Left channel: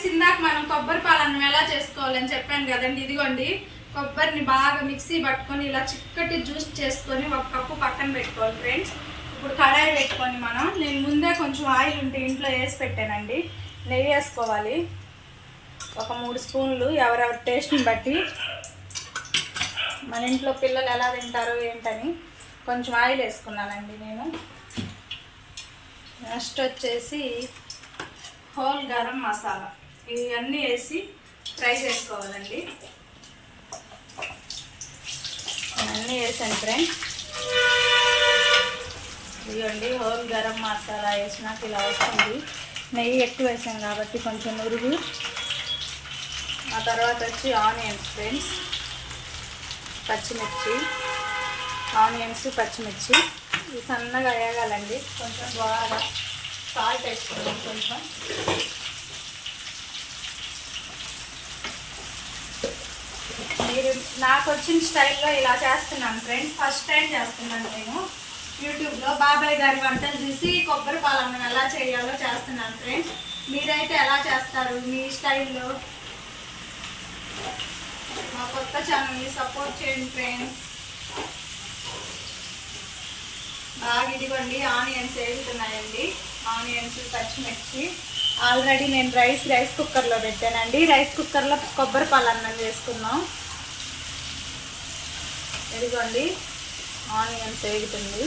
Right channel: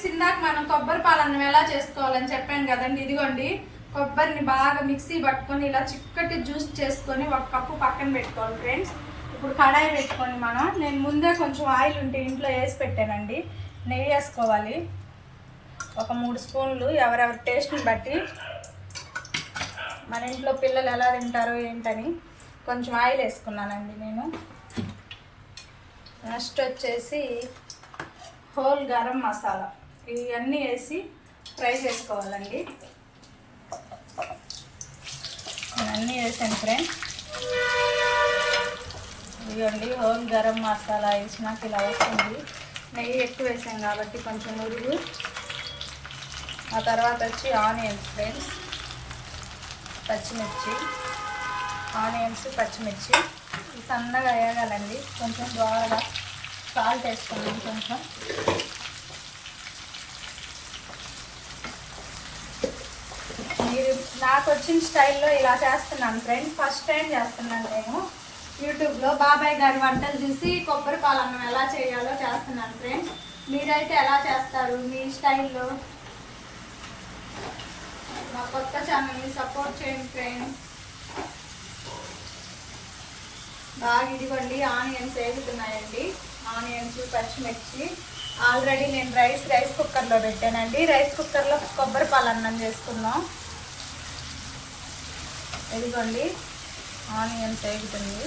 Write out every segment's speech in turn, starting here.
Friends ఇందాక మనం కొబ్బరి పాలన్నం ఎలా చేసుకోవాలని చెప్పాను కదండి ఇదిగోండి. కొబ్బరిని బాగా మిక్సీ పట్టుకొని ఇలా చిక్కటి జ్యూస్ చేసుకొని ఒక కప్పు పక్కన పెట్టుకోవాలి ఫ్రెండ్స్. ఇప్పుడు కడాయి పెట్టుకొని మనం నేను ముందే కొంచెం ఆయిల్ ఉంటే ఇంట్లో వేసి పెట్టానండి. నెయ్యి వేసుకోవాలి. ఒక మూడు స్పూన్లు ఎవరెవరి టేస్ట్ని బట్టి. మన ఇంట్లో పిల్లలు ఎలా తింటారో ఏంటని కొంచెం ఆయిల్ వేసుకున్నానండి నేను. నెక్స్ట్ వచ్చేసి హోల్ గరం మసాలా. ఇవన్నీ వేసి ఫ్రై చేసుకోవాలండి. ఇవన్నీ వేసాను ఫ్రెండ్స్. ఇవ్వండి హోల్ గరం మసాలా వేసినాక ఇలా వస్తుంది. నెయ్యి ఎక్కువ వేసాను కాబట్టి కొంచెం ఉరుగు ఆ తర్వాత వచ్చి ఆనియన్స్ ఫ్రెండ్స్. పచ్చిమిర్చి ఆనియన్స్ పచ్చిమిర్చి. సన్నగా వేయగలండి కొంచెం బాగా సాల్ట్ వేసుకోండి కొంచెం మీరు నాకు వచ్చిన స్టైల్లో ఇలా చేస్తున్నాను. ఫ్రెండ్ ఫస్ట్ టైం చేస్తున్నాను నేను. యూట్యూబ్లో బాబాయ్ గారి వంటలు చూసి కొబ్బరి పాలన్నం ఎలా చేయాలో చేస్తున్నాను ఫ్రెండ్స్. మీరైతే ఎలా చేస్తారు మీ స్టైల్లో? మా కొత్త ఛానల్ని సపోర్ట్ చేయండి ఫ్రెండ్స్. బాగా ఇదిగోండి ఆనియన్స్ వేగుతున్నాయండి ఆనియన్స్ పచ్చిమిర్చి. ఆల్రెడీ నేను రైస్ రైస్ కుక్కర్లో పెట్టానండి. రైస్ కుక్కర్లో కొబ్బరి పాలన్నం చేసుకున్నాం ఇదిగోండి ఆనియన్ వేగుతుంది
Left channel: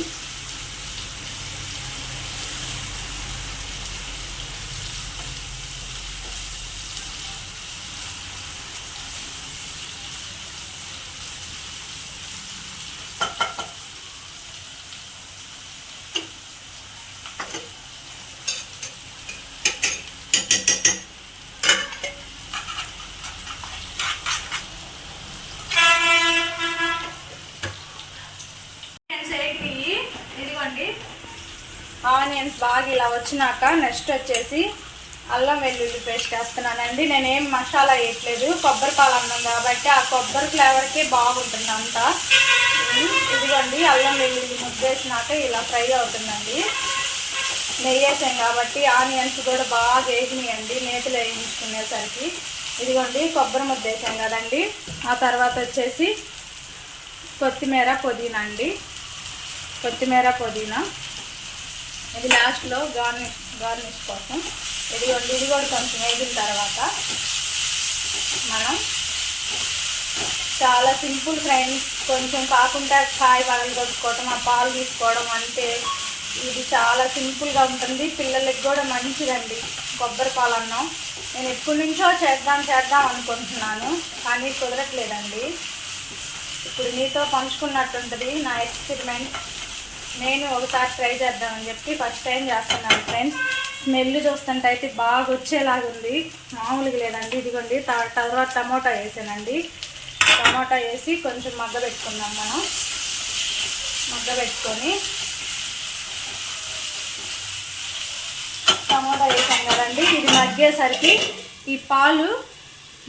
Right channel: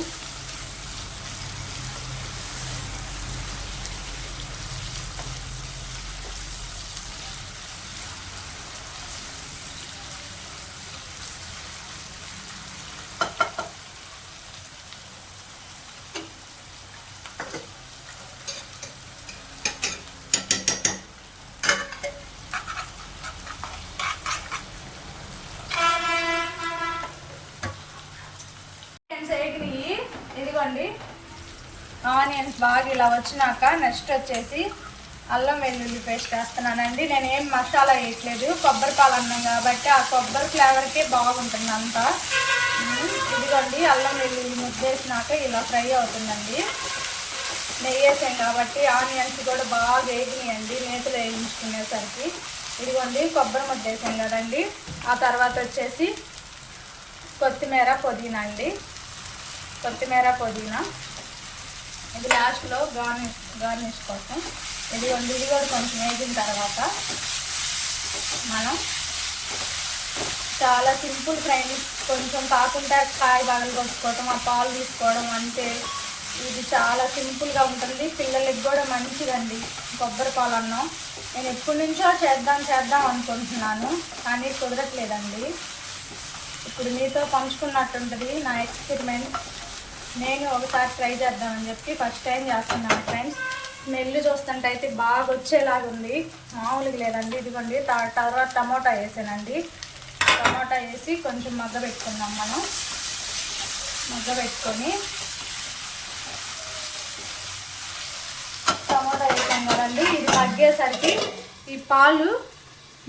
ఆనియన్స్ వేగినాయి చూసుకోండి ఆనియన్స్ బాగా ఇలా వచ్చినాక నెక్స్ట్ వచ్చేసి అల్లం వెల్లుల్లి పేస్ట్ వేస్తున్నానండి. నేనేం మసాలా వేయట్లేదు. కొబ్బరి పాలు అన్నం కాబట్టి ఆ కొబ్బరి ఫ్లేవర్కే బాగుంటుంది అంతా. ఇదిగోండి అల్లం వెల్లుల్లి ముద్దేసినాక ఇలా ఫ్రై అవుతుందండి. నెయ్యి వేసాం కాబట్టి ఆనియన్స్ కూడా బాగా వేగినాయండి. నేతిలో వేయించుకునేసరికి. ఇదిగోండి కొబ్బరి ముద్ద వేసాం కదండి. ఆ తర్వాత వచ్చేసి కొత్తిమీర పుదీనా అండి. కొత్తిమీర పుదీనా. ఇది లాస్ట్లో గార్నిష్ గార్నిష్ కోసం. ఇది ఇది కూడా కొంచెం వేగిన తర్వాత మనం చాలా సింపుల్ ఫ్రెండ్స్ కొంచెం కాకుండా కాయ పగలు కొట్టుకోవటం ఆ పాలు తీసుకోవడం అంటే ఇది చాలా సింపుల్గా ఉంటుంది. పిల్లలకి కూడా మంచిదండి. కొబ్బరి పాలు అన్నం నేను ఎప్పటి నుంచో చేద్దాం చేద్దాం అనుకుంటున్నాను కానీ కుదరట్లేదండి. ఇప్పుడు మీతో పంచుకున్నట్టుంటుంది నా ఎక్స్పెరిమెంట్ నేను ఒకసారి ట్రై చేద్దామని చెప్పి ఫస్ట్ టైం చేస్తున్నాను ఫ్రెండ్స్ స్మెల్ చూస్తుంటే అయితే బాగా వచ్చేలాగా ఉంది. మామూలుగా లేదండి. ఇదిగోండి త- తర్వాత టమోటా వేసానండి. టమోటా వేసి కొంచెం మగ్గ పెట్టుకుందాం మనం. మగ్గ పెట్టుకొని. టమోటా వేసాం కదండి. ఇది మగ్గేసరికి ఈ పాలు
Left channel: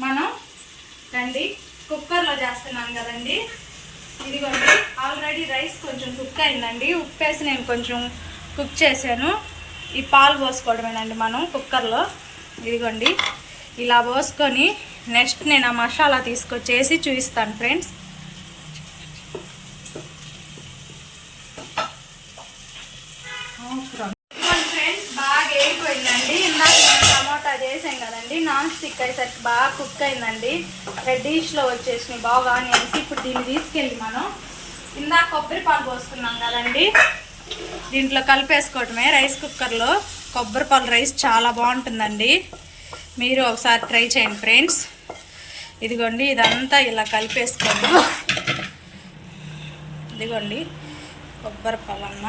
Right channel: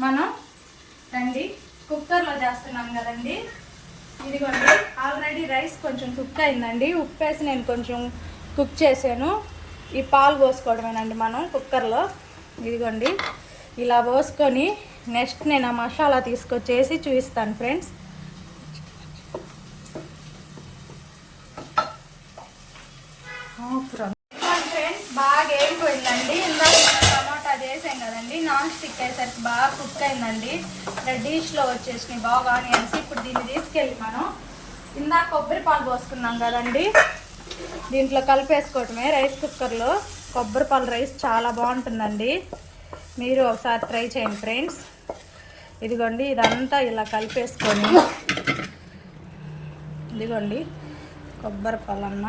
మనం రండి కుక్కర్లో చేస్తున్నాం కదండి. ఇదిగోండి ఆల్రెడీ రైస్ కొంచెం కుక్ అయిందండి. ఉప్పు వేసి నేను కొంచెం కుక్ చేశాను. ఈ పాలు పోసుకోవడమేనండి మనం కుక్కర్లో. ఇదిగోండి ఇలా పోసుకొని నెక్స్ట్ నేను ఆ మసాలా తీసుకొచ్చేసి చూపిస్తాను ఫ్రెండ్స్ ఫ్రెండ్స్ బాగా వేగిపోయిందండి ఇందాక మనం టమాటా చేసాం కదండి నాన్ వచ్చేసరికి బాగా కుక్ అయిందండి రెడ్డిష్లో వచ్చేసినాయి బాగా ఆనియన్స్. ఇప్పుడు దీన్ని తీసుకెళ్ళి మనం ఇందాక కొబ్బరి పాలు పోస్తున్నాం కదండి. దీంట్లో కలిపేసుకోవటమే రైస్ కుక్కర్లో. కొబ్బరి పాలు రైస్ చాలా బాగుంటుందండి. మీరు ఒకసారి ట్రై చేయండి ఫ్రెండ్స్. ఇదిగోండి ఇదంతా ఇలా కలిపేసుకోండి ఇదిగోండి కొబ్బరి పాలమ్మ.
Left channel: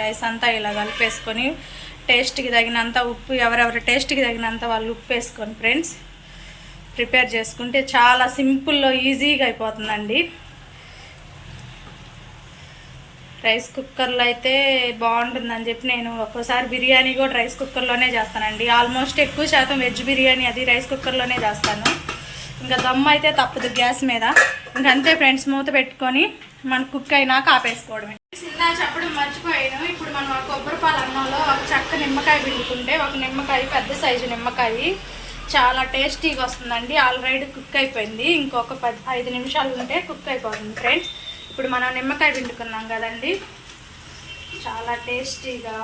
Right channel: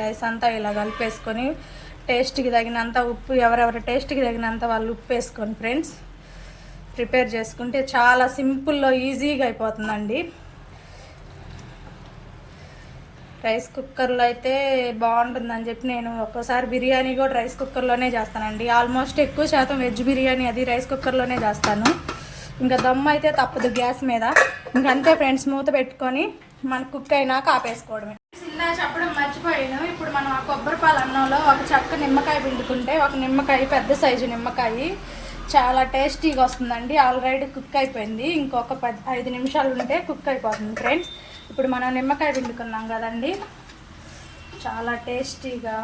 రైస్ అంతా ఇలా కలిపేసుకొని టేస్ట్కి తగినంత ఉప్పు ఎవరెవరి టేస్ట్కి తగినంత వాళ్ళు ఉప్పు వేసుకొని ఫ్రెండ్స్. ప్రిపేర్ చేసుకుంటే చాలా సింపుల్లో ఈజీగా అయిపోతుందండి. రైస్ కుక్కర్లో అయితే బాగుంటుందని చెప్పి నేను ఒక్కోసారి బిర్యానీ కూడా రైస్ కుక్కర్లోనే చేస్తానండి. ఆల్మోస్ట్ ఎక్కువ శాతం వెజ్ బిర్యానీ అది రైస్ కుక్కర్లోనే చేస్తాను. ఇంకా దమ్ము అయితే తప్పదు గ్యాస్ మీద. ఇంకంతే ఫ్రెండ్స్ మూత పెట్టుకొని మన కుక్ అయినాక ఆపేసుకోవడమే. ఇందా చెప్పడం మర్చిపోయాను. ఇప్పుడు మనం ఆ కొబ్బరి పాల అన్నంలో ఒక చెక్క నిమ్మకాయ పిండుకుంటే ఒక నిమ్మకాయ పెద్ద సైజు నిమ్మకాయ చాలా టేస్టీగా వస్తుందండి. ఆల్రెడీ కుక్ అయిపోయింది. ఇంకొక పది ఐదు నిమిషాలు ఉంటే కుక్ అయిపోతుంది ఫ్రెండ్స్. ఇప్పుడు మనం నిమ్మకాయ పిండుకున్నాం కదండి. చాలా టేస్టీగా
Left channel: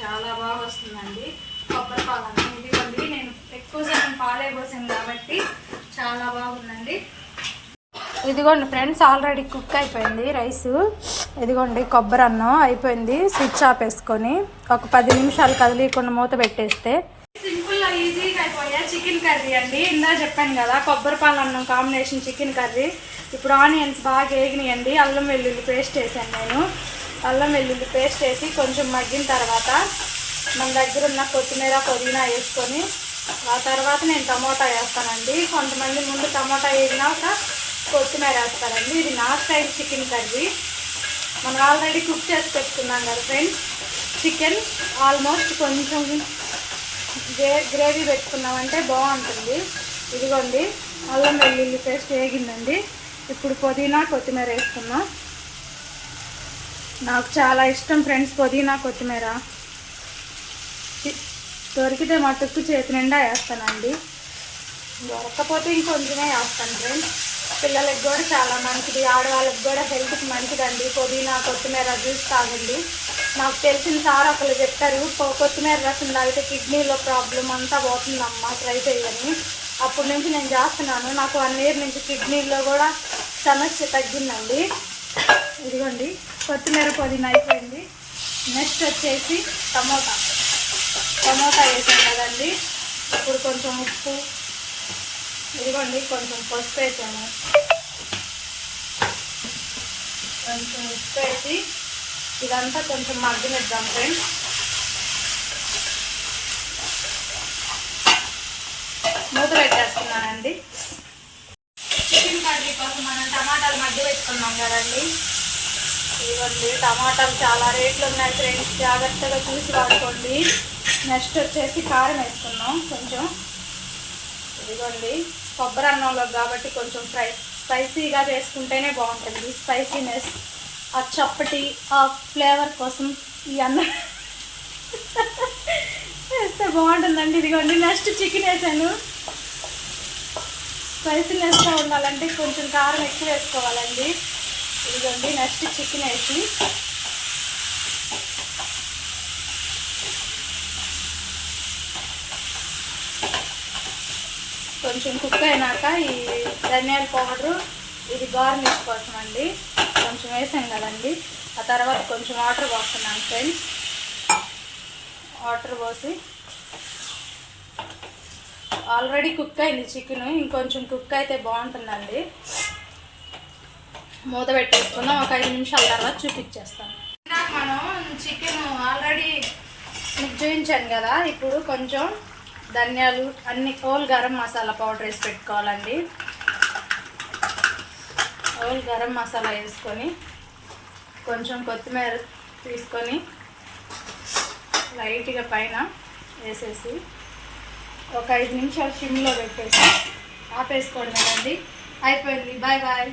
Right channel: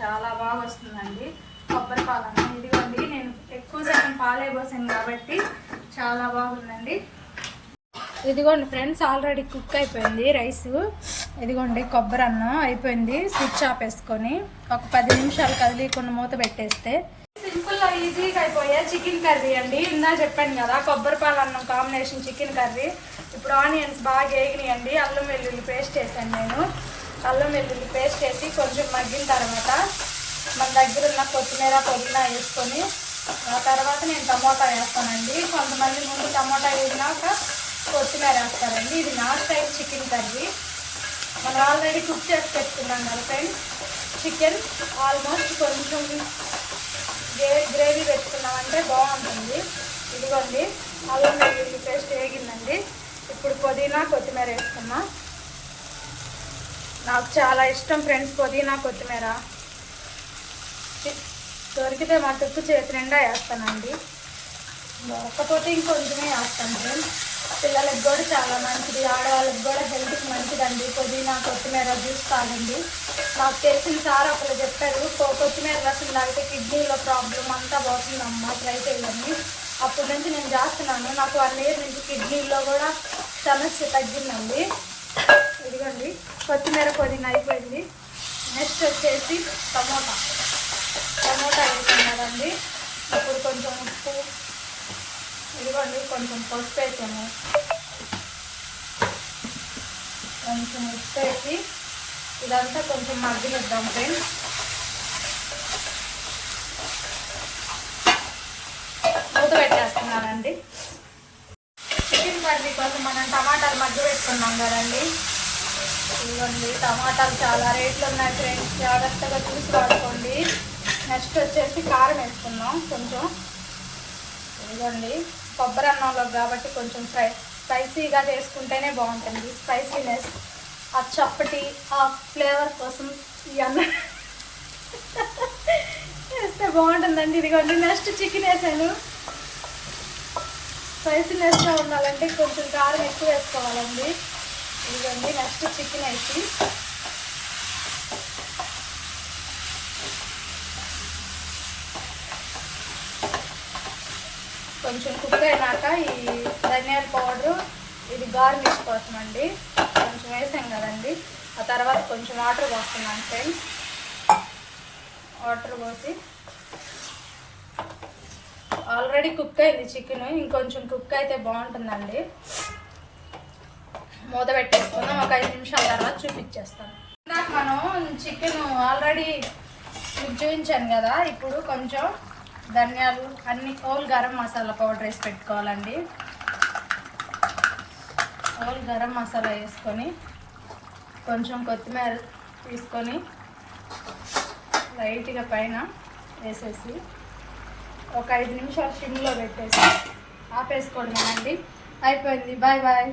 చాలా బాగా వస్తుందండి. కొబ్బరి అన్నం. ఇదిగోండి నేను ఎక్కువ శాతం పాలే పోసాను కాబట్టి చాలా బాగుందండి. ఇదిగోండి ఫ్రెండ్స్ ఆల్రెడీ కుక్ అయిపోయింది రైస్. ఇదిగోండి కొబ్బరి అన్నం అయిపోయింది. స్విచ్ ఆఫ్ వేసుకొని ఒక పది నిమిషాలు కదిలీకుండా మూత పెట్టేస్తే. సింపుల్ ఈజీగా అయిపోయా చికెన్ కర్రీ అండి. ఇందా చెప్పాను కదా కొబ్బరి పాలు అన్నం కాంబినేషన్ చికెన్ కర్రీ. ఇప్పుడు ఆనియన్స్ బాగా వేగినాయండి అల్లం వెల్లుల్లి పేస్ట్ వేసాను నేను. అల్లం వెల్లుల్లి పేస్ట్ వేసి కొంచెం మగ్గిన తర్వాత మన దగ్గర ఉన్న కొత్తిమీర పుదీనా వేసుకొని ఆ తర్వాత నేను టమోటా వేస్తానండి. కొంతమంది ముందు టమోటా వేసినాక కొత్తిమీర వేస్తారండి. ఇది నా స్టైల్ చికెన్ కర్రీ. మనం ఆల్రెడీ కుక్ చేసి పెట్టుకున్నాం కదా ఫ్రెండ్స్. చికెన్ ఆల్మోస్ట్ కొంచెం గ్రే గ్రేవీ పెట్టుకున్నామంటే బాగుంటుంది. ఇదిగోండి అల్లం వెల్లుల్లి పేస్ట్ వేగిందండి. ఇప్పుడు పుదీనా కొత్తిమీర వేసుకున్నాం నాకు చాలా ఇష్టం ఫ్రెండ్స్ పుదీనా కొత్తిమీర. చి- దొరికితే మటుకు చేతి నిండా వేస్తానండి. దొరకపోతే ఇంకొంచెమే వేస్తాను ఫ్రెండ్స్. పిల్లలకి కూడా చాలా మంచిది ఆడవాళ్ళకి కూడా హెల్త్కి మంచిదండి. పుదీనా కొత్తిమీర జ్యూస్ తాగండి. నాకు తెలిసిన సార్ ఒకళ్ళు చెప్పారు కొ- కొత్తిమీర రసం తాగితే కిడ్నీలో ప్రాబ్లం అంతా పోతుందమ్మా ట్రై చేయండి అప్పటి నుంచి నేను చేస్తున్నాను. నాకు వన్ ఇయర్ నుంచి కిడ్నీలో కూడా సమస్య తగ్గిందండి. ఇదిగోండి కొత్తిమీర పుదీనా అయిపోయింది. నెక్స్ట్ వచ్చేసి టమోటా. టమోటా వేసాం కదండి ఇప్పుడు కొంచెం ఉప్పు ఇదిగోండి కొంచెం పసుపు వేసాము కొంచెం ఉప్పు వేసి ఇదంతా కొంచెం మగ్గనిద్దాం ఫ్రెండ్స్. మూత పెట్టేస్తున్నానండి. చికెన్ కర్రీ కోసం మనం టమాటాలు మగ్గ పెట్టుకున్నాం కదండి. ఇవ్వండి టమాటాలు చాలా రేట్లు ఉన్నాయి ఫ్రెండ్స్. జాగ్రత్తగా చూసి వాడుకోండి. నెక్స్ట్ వచ్చేసి కారం వేసుకున్నాం కొంచెం. ఇదిగోండి కొబ్బరి అన్నంలో కాబట్టి కొంచెం ఫ్రై స్పైసీగా చేసుకుంటేనే బాగుంటుంది. స్పైసీనెస్ ఆ చప్పటి ఆ ఫ్లేవర్ కోసం ఈ అన్నం వేస్తే బాగుంటుందండి. ఇదిగోండి నెక్స్ట్ చికెన్ వేసాను. స్పైసీనెస్గా ఉండాలంటే కొంచెం కారం ఎక్కువ వేసుకోవాలండి. ఇదిగోండి నెక్స్ట్ చికెన్ వేసి కొంచెం కుక్ అయినాక ఈ ధనియాల పౌడరు ఇది గార్నిష్ కోసం అండి. కొంచెం వేసాం కదండి. ఆ తర్వాత కొంచెం వాటర్ పోస్తున్నాం ఫ్రెండ్స్. వాటర్ పోసి ఆల్రెడీ కుక్ అయింది చికెన్. ఇంకొంచెం కుక్ అయితే బాగుంటుందండి. మూత పెట్టేసుకుందాం. ఒక ఐదు నిమిషాల తర్వాత చూపించేస్తాం. ఇందాక మనం చికెన్ ఆల్రెడీ మీకు చూపించాను కదా. ఇప్పుడు కొంచెం ధనియాలు అన్ని హోల్ గరం మసాలా పౌడర్ వేసి పెట్టుకోవాలండి. హోల్ గరం మసాలా వేసుకొని కొంచెం కొత్తిమీర తీసుకొని లైట్గా పైన వేసేసి ఒక ఐదు నిమిషాలు సిమ్లో పెట్టేసి ఆపేసుకోండి అండి అయిపోయింది. Bye bye.